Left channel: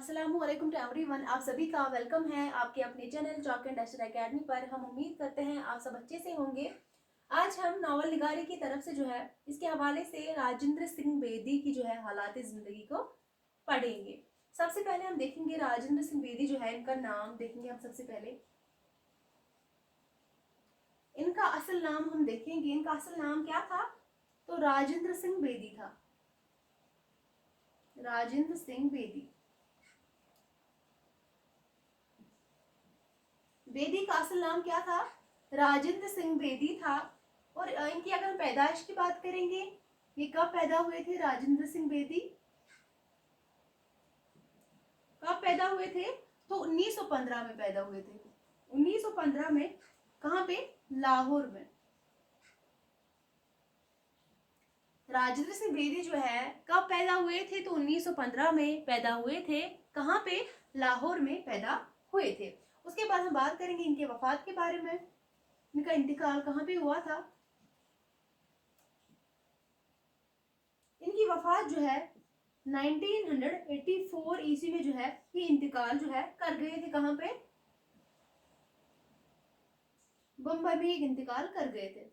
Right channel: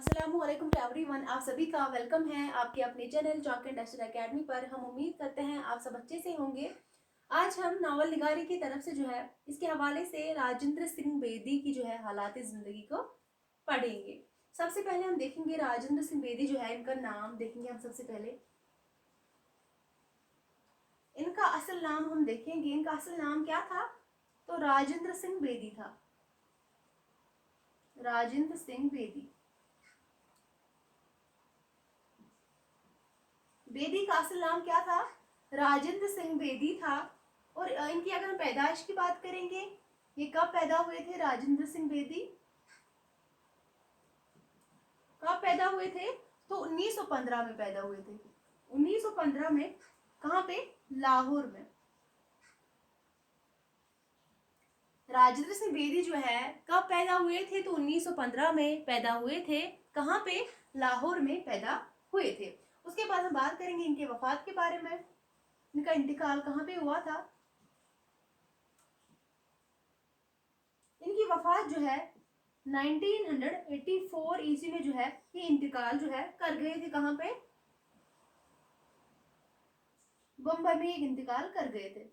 अस्सलामुअलैकुम to everyone, आप सभी का वेलकम है आपके अपने channel chalk and duster academy पर। हम उम्मीद करते हैं आप सब अच्छे से होंगे। आज हम नावल निगारी की तरफ से जो है इसके हवाले से राजेंद्र सिंह बेदी की जो है हालात जिंदगी को पढ़ेंगे। सबसे पहले हम देखेंगे राजेंद्र सिंह बेदी जो है, इनका नाम देखेंगे हम। सबसे पहले इनका असल नाम हम देखेंगे। इनका असल नाम क्या था? तो राजेंद्र सिंह बेदी था। राजेंद्र सिंह बेदी। बेदी का असल नाम क्या था? राजेंद्र सिंह बेदी था। और इनकी अगर पैदाइश की बात करेंगे, ये कब पैदा हुए थे राजेंद्र सिंह बेदी? कब पैदा हुए थे? तो 1915 में पैदा हुए थे। 1915 में। कहाँ पे? लाहौर में। राजेंद्र सिंह बेदी जो है कब पैदा हुए थे? तो 1915 में पैदा हुए थे। कहाँ पे? लाहौर में पैदा हुए थे। उसके बाद हम बात करेंगे इनके वफात के बारे में। इनका इंतकाल कहाँ पे हुआ था? इनकी वफात जो है 1984 ईस्वी में जो है ये इंतकाल जो है कर गए थे। कहाँ पे? बम्बई में एक इंतकाल कर गए थे।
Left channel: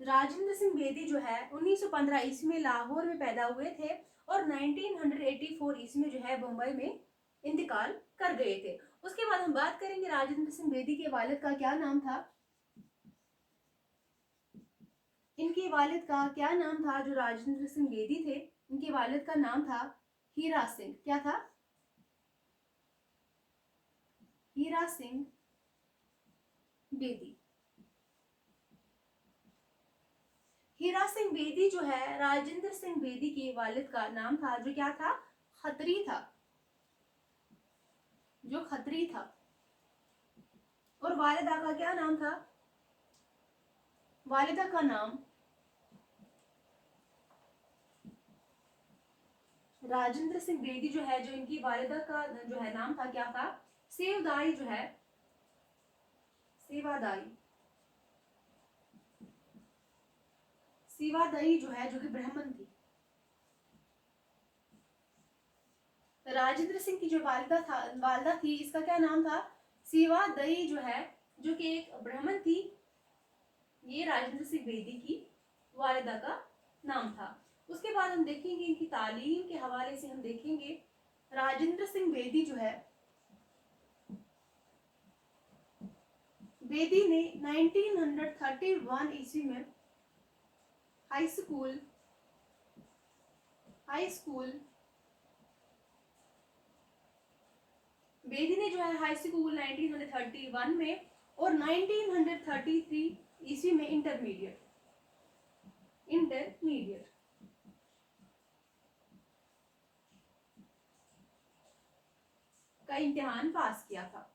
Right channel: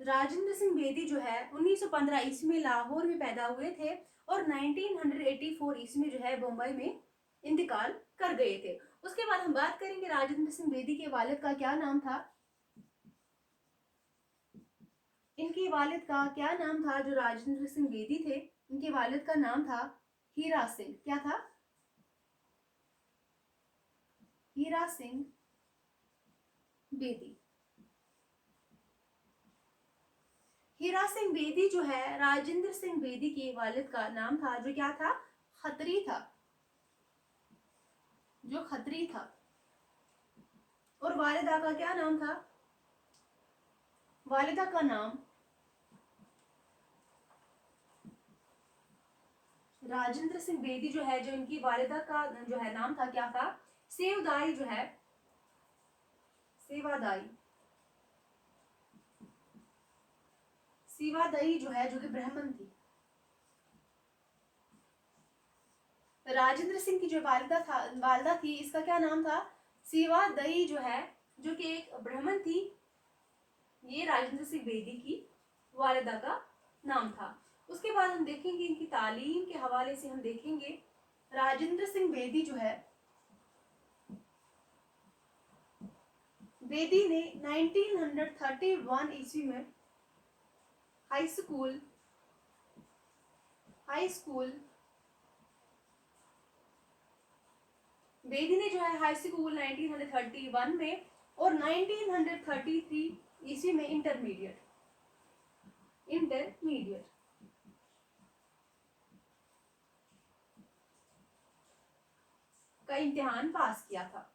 राजेंद्र सिंह बेदी जो है 1915 ईस्वी में लाहौर में पैदा हुए थे और 1984 ईस्वी में जो है बम्बई में इंतकाल कर गए थे। उसके बाद हम बात करेंगे राजेंद्र सिंह बेदी के वालिद का क्या नाम था। इनके वालिद का क्या नाम था? जो राजेंद्र सिंह बेदी थे, इनके वालिद का नाम था हीरा सिंह। क्या था? हीरा सिंह बेदी। हीरा सिंह बेदी जो है राजेंद्र सिंह बेदी के वालिद का नाम था, जो क्या था? खत्री था। जो खत्री था। और वालिदा का क्या नाम था? वालिदा का नाम राजेंद्र सिंह बेदी जो है, जो इनकी वालिदा का जो है नाम था, क्या था? सेवदाई जो है, सेवादाई। सेवादाई जो है, जो कि ब्राह्मण थी। राजेंद्र सिंह की जो वालिदा थी, इसका क्या नाम था? सेवादाई जो है, जो कि एक ब्राह्मण थी। ये राजेंद्र सिंह बेदी की वालिदा का नाम था। उसके बाद हम देखेंगे इनकी तालीम के हवाले से। हम देखेंगे राजेंद्र सिंह बेदी जो है, बेदी ने 1931 ईस्वी में हाई स्कूल बेदी ने जो है हाई स्कूल 1931 में और 1933 ईस्वी में इंटरमीडिएट का इम्तिहान पास किया था।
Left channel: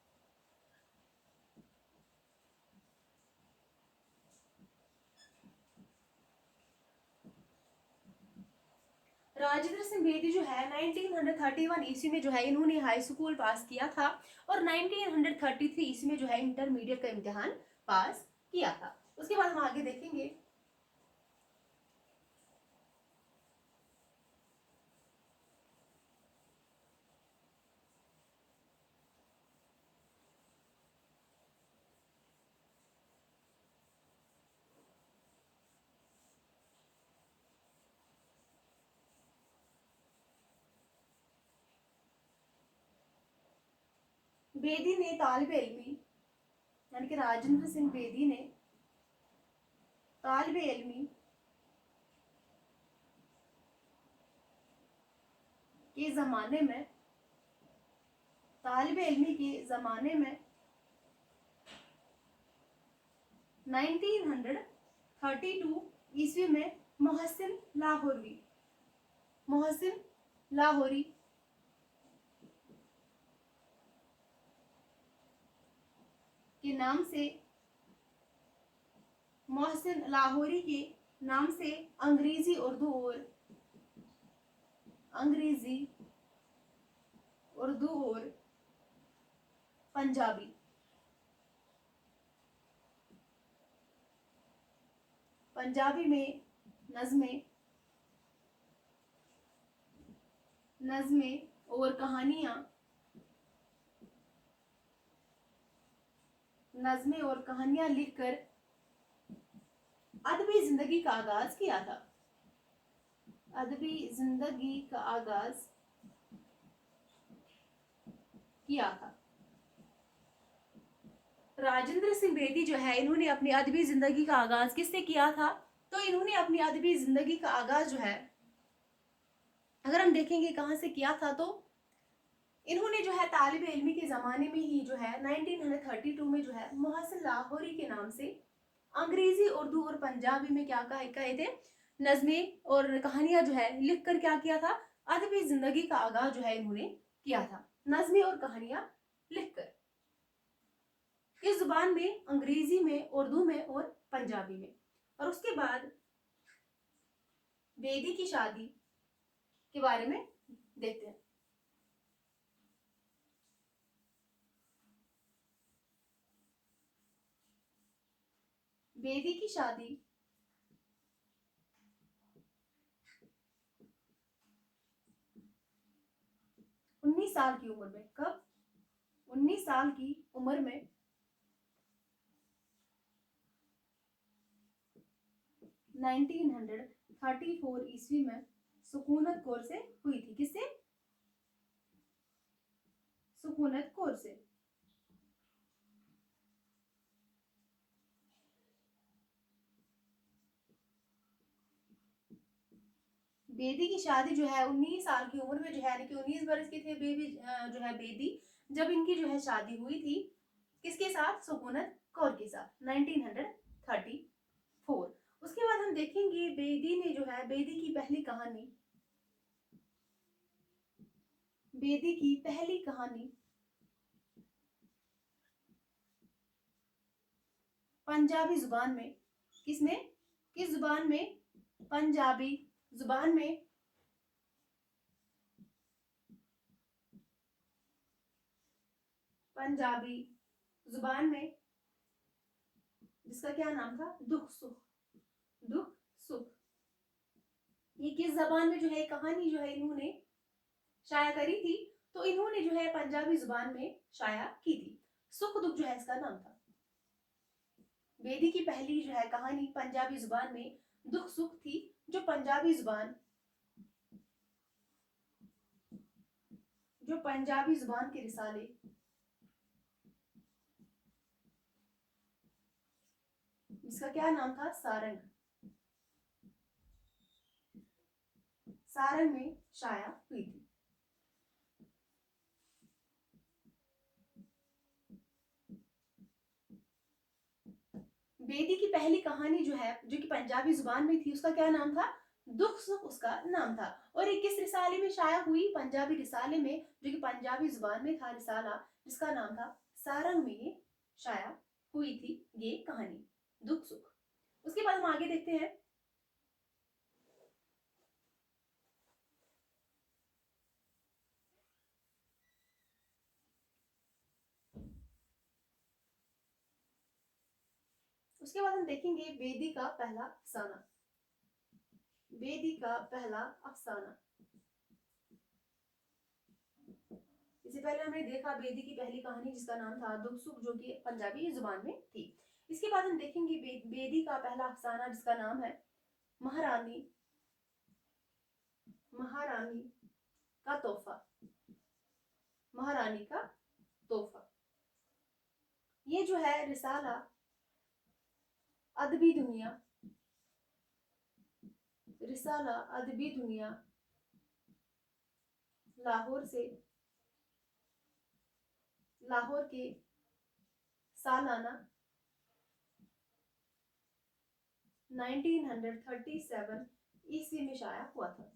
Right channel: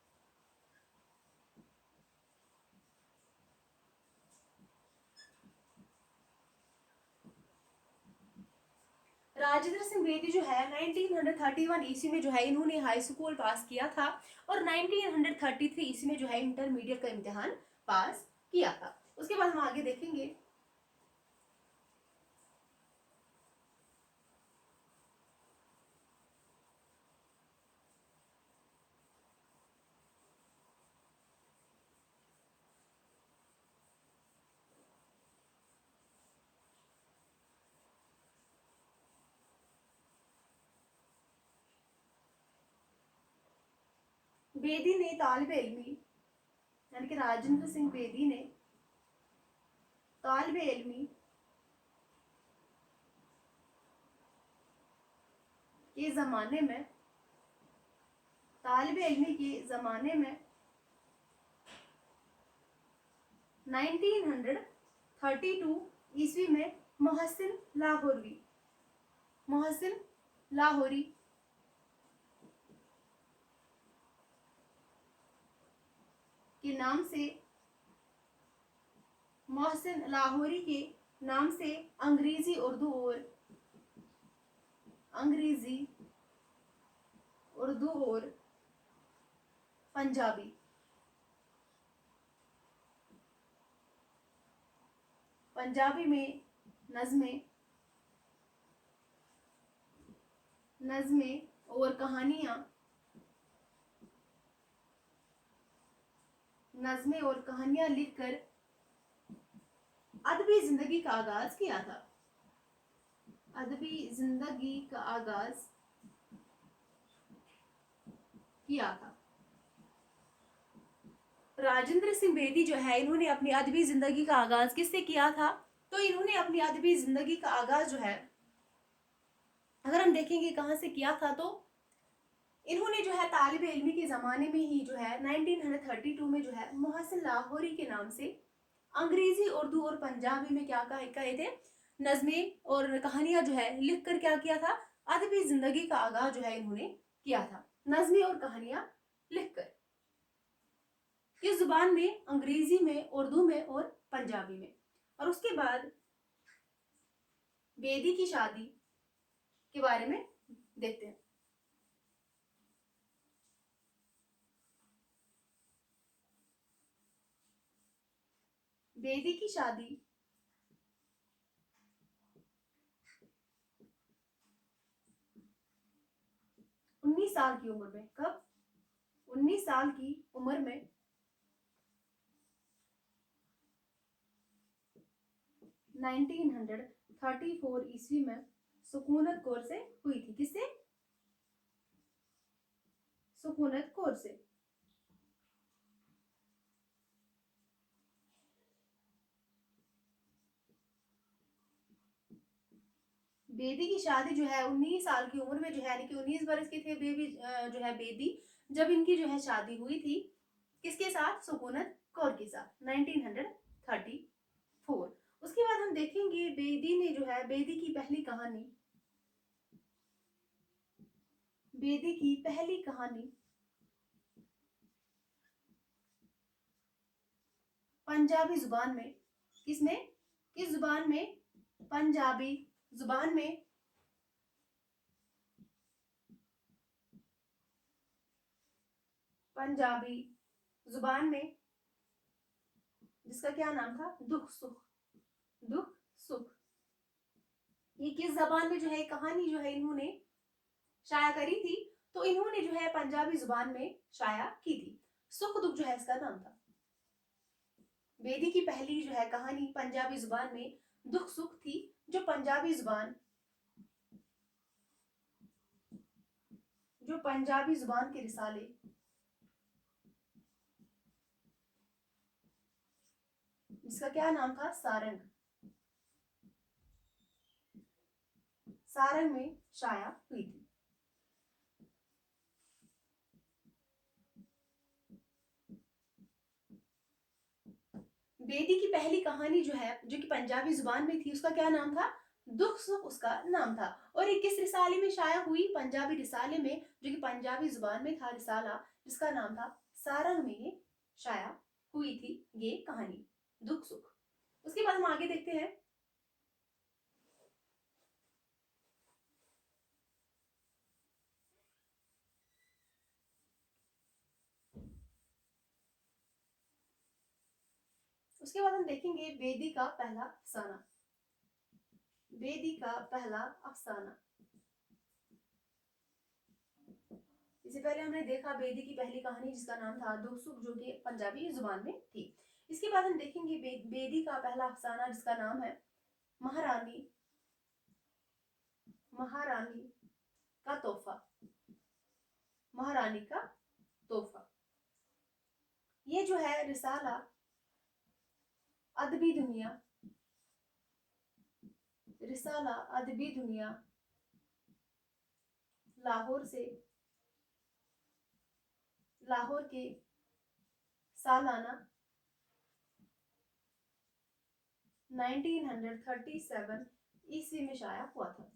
राजेंद्र सिंह बेदी जो है 1931 ईस्वी में जो है इन्होंने हाई स्कूल पास किया था और 1933 ईस्वी में जो है इंटरमीडिएट का इम्तिहान पास किया था। उसके बाद हम आगे देखेंगे बेदी ने तालिब इल्मी, यानी कि राजेंद्र सिंह बेदी ने तालिब इल्मी के ज़माने में 1932 ईस्वी में मोहसिन लाहौरी के नाम से, मोहसिन लाहौरी के नाम से अंग्रेजी उर्दू और पंजाबी में नज़में नज़्में और कहानियाँ, नज़्में और कहानियाँ लिखकर अदबी जिंदगी का आगाज किया था। अदबी जिंदगी का आगाज किया था। राजेंद्र सिंह बेदी जो है, इन्होंने अपनी अदबी जिंदगी का आगाज किससे किया था? तो इन्होंने अपनी अदबी जिंदगी का आगाज जो है, अगर हम देखेंगे कहाँ से किया था, तो इन्होंने जो है तालिब इल्मी के ज़माने में ही जो है 1932 में जो है मोहसिन लाहौरी के नाम से अंग्रेजी, उर्दू और पंजाबी में क्या कहे थे, नज़में और कहानियां जो है लिख कर क्या किया था, अदबी जिंदगी का आगाज जो है इन्होंने किया था, नज़में और कहानियां लिखकर, इस जुबान में, अंग्रेजी में, उर्दू में और पंजाबी में। और उसके बाद बेदी की शादी के बारे में देखते हैं। बेदी की शादी 19 साल की उम्र में, कब? 19 साल की उम्र में 1934 ईस्वी में सुकूनत कौर से हुई थी। किससे? सुकूनत कौर से। बेदी की शादी जो है 19 साल की उम्र में जो है, यानी कि 19 वर्ष के थे बेबी जो है बेदी, जब इनकी जो है शादी हुई थी, किसके साथ? सुकूनत कौर के साथ, 1934। उसके बाद हम देखेंगे बेदी ने जो है, बेदी की पहली कहानी, बेदी की पहली कहानी पंजाबी जुबान में, किसमें, किस जुबान में? पंजाबी जुबान में, पंजाबी जुबान में, जिसका क्या नाम था? दुख सुख। दुख सुख। ये किस जबान में जो है कहानी जो है इन्होंने शाया करी थी? तो इन्होंने जो है पंजाबी जुबान में शाया की थी। सुख दुख जो है इसका नाम था। बेदी की पहली जो है कहानी पंजाबी जुबान में दुख सुख थी, जो पंजाबी जुबान, जो पंजाबी जुबान के रिसाले, जिसका क्या नाम था? सारंग। सारंग में शाया हुई थी। बेदी की पहली कहानी जो है, जो कि पंजाबी जुबान में थी, उसका क्या नाम था? दुख सुख उसका नाम था। और ये किस रिसाले में शाया हुई? पंजाबी रिसाले में, जो कि पंजाबी जुबान में था रिसाला, जिसका नाम था सारंग में ये शाया हुई थी ये कहानी, दुख सुख। उसके बाद हम आगे देखते हैं। उसके बाद हम देखेंगे बेदी का पहला अफसाना। बेदी का पहला अफसाना। इससे पहले हमने देखा बेदी की पहली कहानी जिसका नाम था दुख सुख, जो कि पंजाबी जुबान में थी। इसके बाद हम देखेंगे बेदी का पहला अफसाना जिसका नाम है महारानी, महारानी का तोहफा। महारानी का तोहफा। ये जो है रिसाला अदबी दुनिया, रिसाला अदबी दुनिया लाहौर से, लाहौर के सालाना 1937 ईस्वी में शाया हुआ था।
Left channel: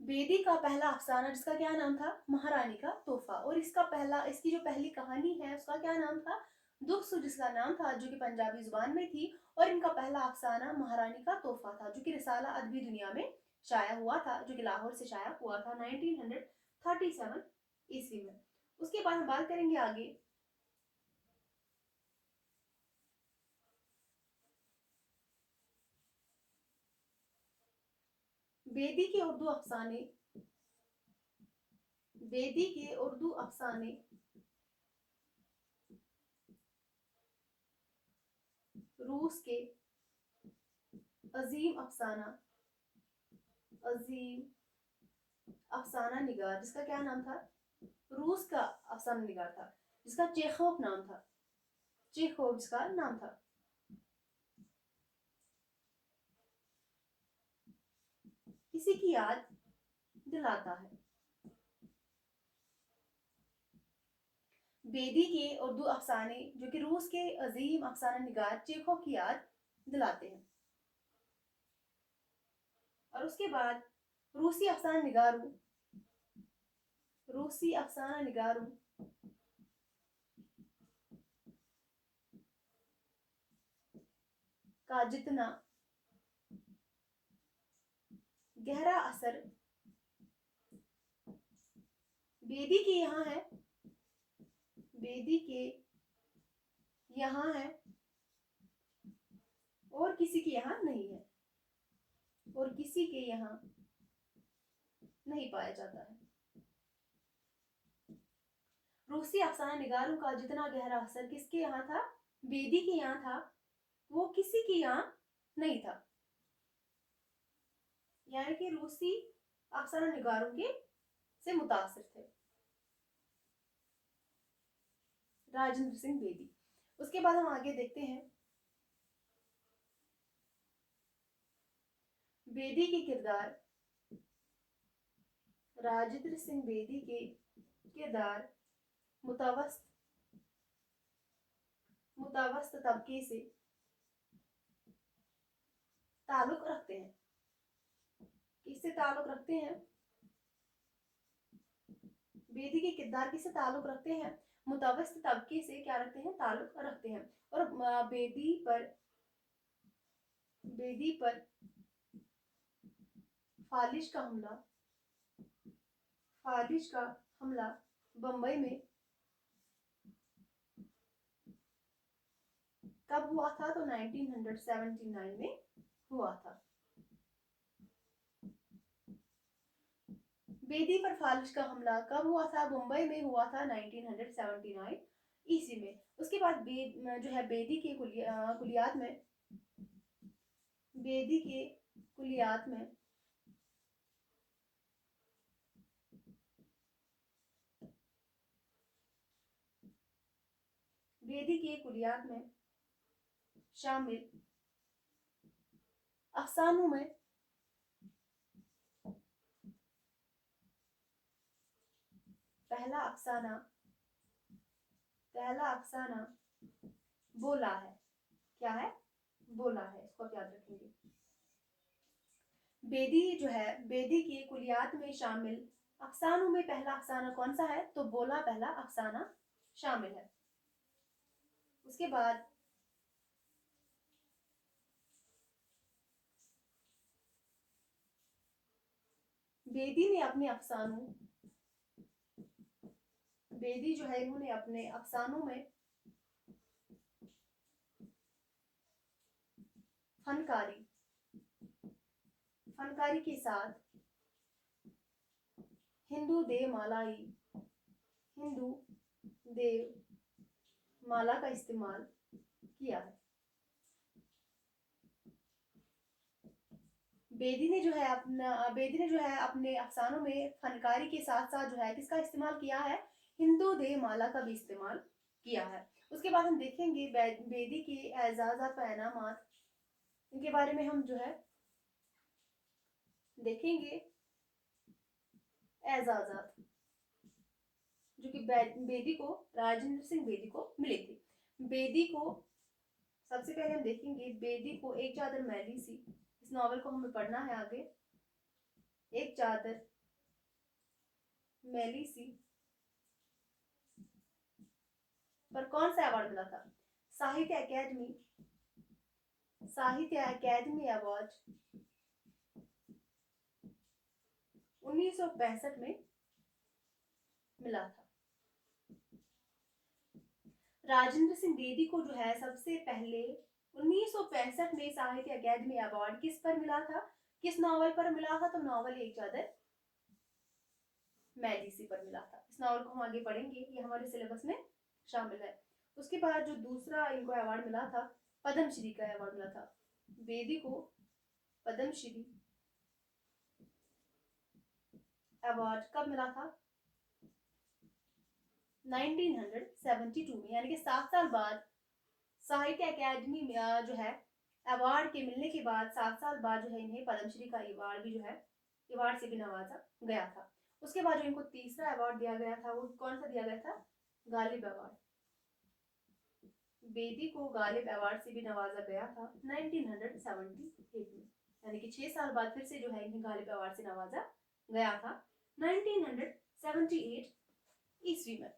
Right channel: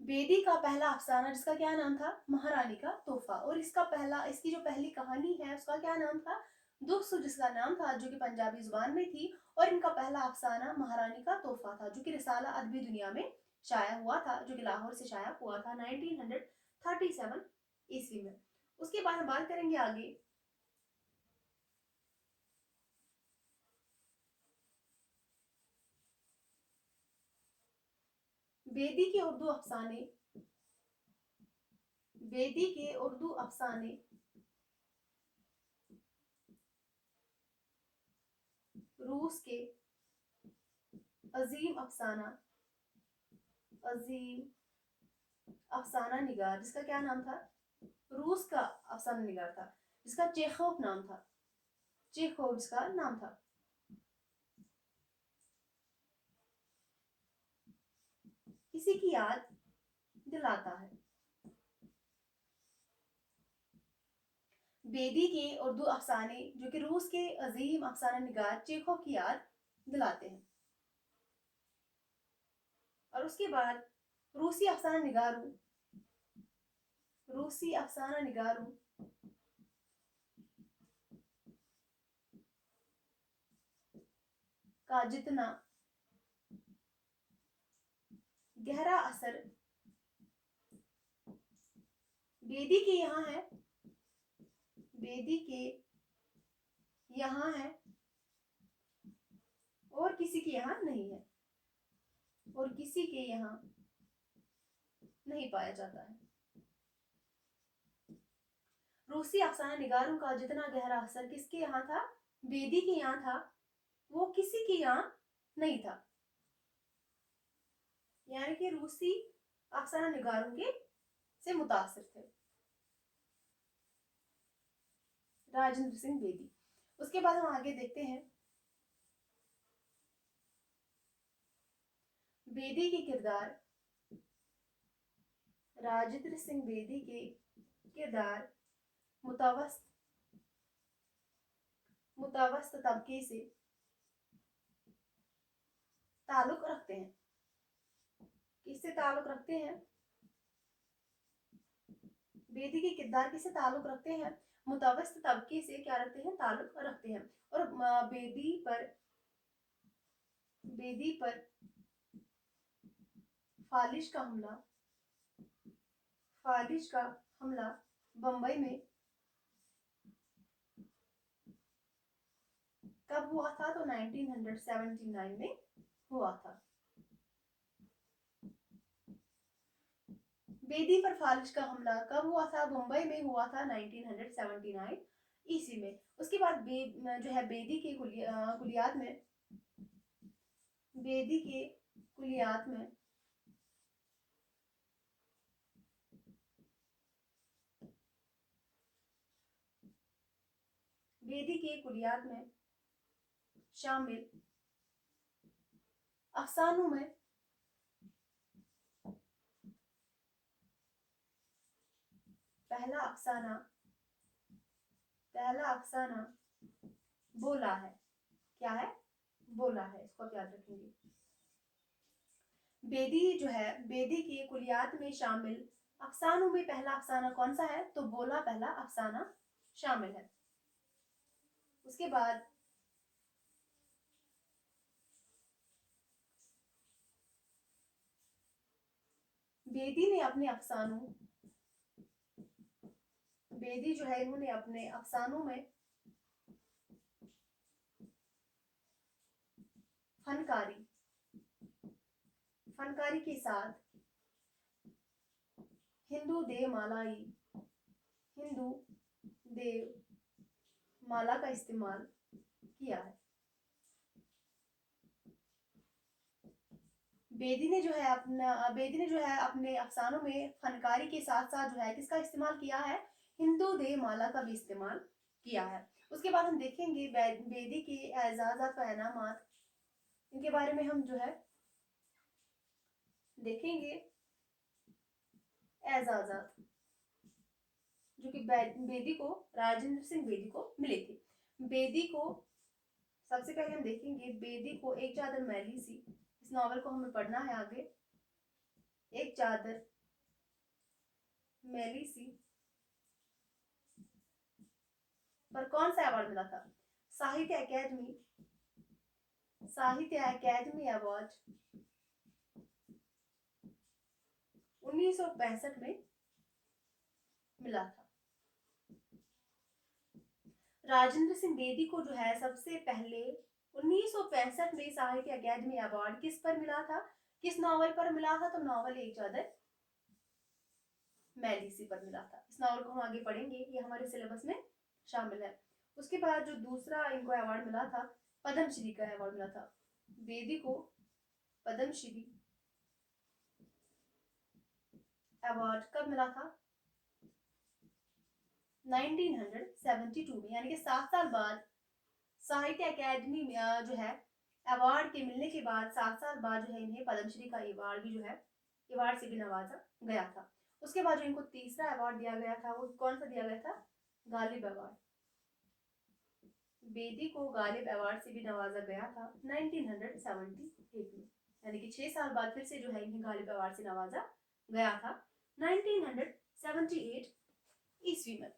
बेदी का पहला अफसाना जिसका क्या नाम था? महारानी का तोहफा। और इसकी जो पहली कहानी है उसका क्या नाम था? दुख सुख, जिसका नाम था, जो कि पंजाबी जुबान में थी। और इनका पहला अफसाना महारानी का तोहफा था, जो कि रिसाला अदबी दुनिया में शाया हुआ था, जो कि लाहौर से शाया हुआ था 1937 ईस्वी में। उसके बाद हम बात करेंगे आगे बेदी के उर्दू अफसाने, बेदी के उर्दू अफसाने रूस के अजीम अफसाना, अजीम अफसाना निगार, जिसका क्या नाम था? रूस का अफसाना निगार था, जिसका चेखोव नाम था, चेखोव जिसका नाम था। किसी की याद दिलाता है। बेदी के उर्दू अफसाने जो कि रूस के अजीम अफसाना निगार चेखोव की याद दिलाते हैं। और उसके बाद रूसी अफसाना निगारू, रूसी अफसाना निगारू का जितना गहरा असर बेदी के यहाँ है, बेदी के यहाँ है और किसी के यहाँ नहीं है, और किसी के यहाँ नहीं पाया जाता है। रूसी अफसाना निगारों का जितना गहरा असर किसके यहाँ था? बेदी के यहाँ था, वो किसी के यहाँ नहीं था। यानी कि रूसी अफसाना निगारों के से मुतासिर थे राजेंद्र सिंह बेदी। उसके बाद हम आगे देखते हैं बेदी के किरदार, राजेंद्र सिंह बेदी के किरदार मुतवस्त तबके से ताल्लुक रखते हैं। किससे ताल्लुक रखते हैं? बेदी के किरदार किससे ताल्लुक रखते हैं? मुतवस्त तबके से क्या रखते हैं? ताल्लुक रखते हैं। और बेदी पर फालिश का हमला बंबई में कब हुआ था? तो 1979 में हुआ था। बेदी पर फालिश का हमला कब हुआ था? मुंबई में हुआ था 1979 ईस्वी में। उसके बाद जो है बेदी के कुलियात में, बेदी के कुलियात में बेदी के कुलियात में शामिल अफसानों में पहला अफसाना बोला है। क्या है? बोला है। इसको आप याद रखेंगे। बेदी जो है, बेदी के कुलियात में शामिल अफसानों में पहला अफसाना कौन सा है? तो बोला पहला अफसाना शामिल है। उसके बाद बेदी ने अपने अफसानों, बेदी जो है इन्होंने अपने अफसानों में फनकारी के साथ हिंदू देव माला का इस्तेमाल किया है। बेदी ने जो है अपने अफसानों में फनकारी के साथ साथ जो है किसका इस्तेमाल किया है? हिंदू देव माला का भी इस्तेमाल किया है। उसके बाद हम देखेंगे बेदी के एजाज़ात व इनामात, इनके बारे में हम जो है देखेंगे। एजाज़ात जो कि बेदी को, राजेंद्र सिंह बेदी को मिले थे। बेदी को सबसे पहले हम देखेंगे, बेदी को एक चादर मैली सी, इस नॉवल को हमें पढ़ना है आगे। एक चादर मैली सी पर कौन सा अवार्ड मिला था? साहित्य अकादमी अवार्ड 1965 में मिला था। राजेंद्र सिंह बेदी को जो है सबसे पहले 1965 में साहित्य अकादमी अवार्ड किस पर मिला था? किस नावल पर मिला था? तो नावल एक चादर मैली सी पर मिला था। इस नावल को हम आगे पढ़ेंगे, ये हमारे सिलेबस में शामिल है। उसके बाद जो दूसरा इनको अवार्ड मिला था, पद्मश्री का अवार्ड मिला था। बेदी को पद्मश्री अवार्ड कब मिला था? 1972 में, यानी कि 7 साल बाद साहित्य अकेडमी में जो है अवार्ड के मिलने के बाद 7 साल बाद जो है इन्हें पद्मश्री का अवार्ड भी जो है अवार्ड से भी नवाजा गया था। उसके बाद जो इनको तीसरा अवार्ड दिया गया था वो कौन सा दिया गया था? गालिब अवार्ड। बेदी को गालिब अवार्ड से भी नवाजा गया था 1978 में, यानी कि 6 साल बाद फिर से जो है इन्हें गालिब अवार्ड से नवाजा गया था 1978 ईस्वी में।